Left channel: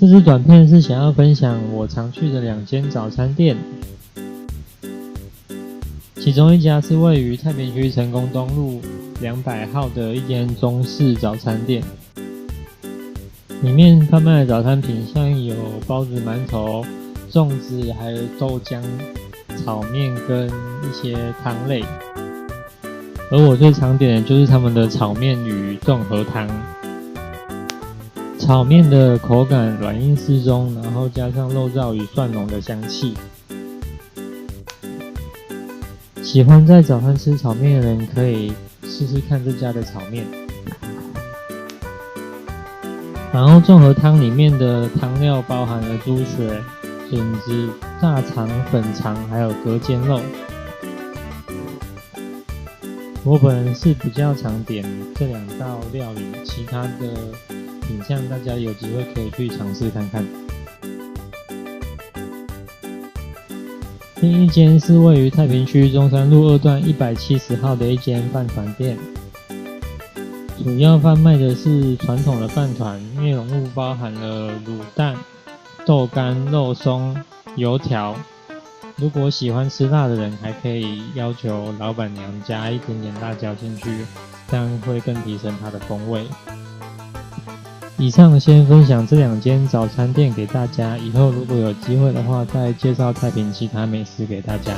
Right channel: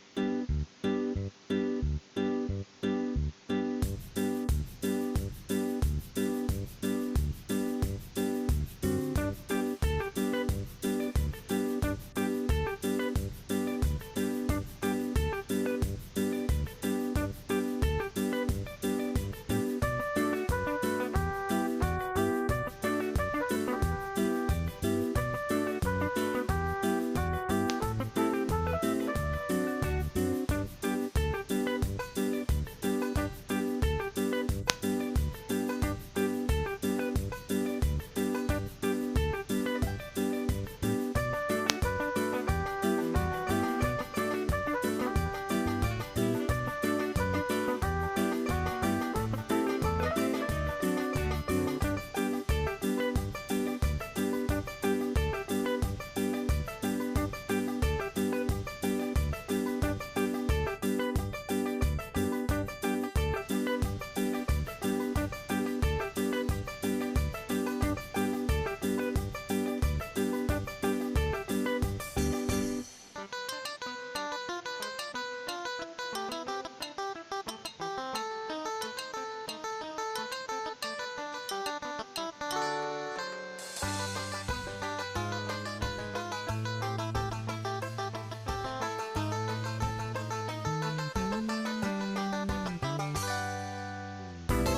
这支短片是想要分享我常去的2间早餐店，其中一家是位于太平区成功东路200号的一间中式早餐店，里面贩卖的早餐品项有包子、馒头、粽子，还有豆浆、炒面跟一些汤类。而我最常点的就是他们的炒面与综合汤。炒面的口感软硬适中，然后加上肉燥与蒜蓉的香气。喜欢在早餐吃炒面的人可以试试看这家的炒面。然后综合汤里面的汤料包含了猪血、笋子、大肠、粉肠，还有隔间肉。我本人是比较常点这2道料理，其他的品项大家有机会可以去尝试看看。另一间是位于太平区中山路2段170号的一间饭团店，主要贩卖的是传统的饭团，内容物包含了卤蛋、豆干、肉松、油条。如果喜欢吃辣的人，还可以要求老板娘加一点点辣椒进去，这样会更提升它的风味。以上先分享这2间早餐店给大家，以后如果有机会的话，再介绍太平其他美食给大家。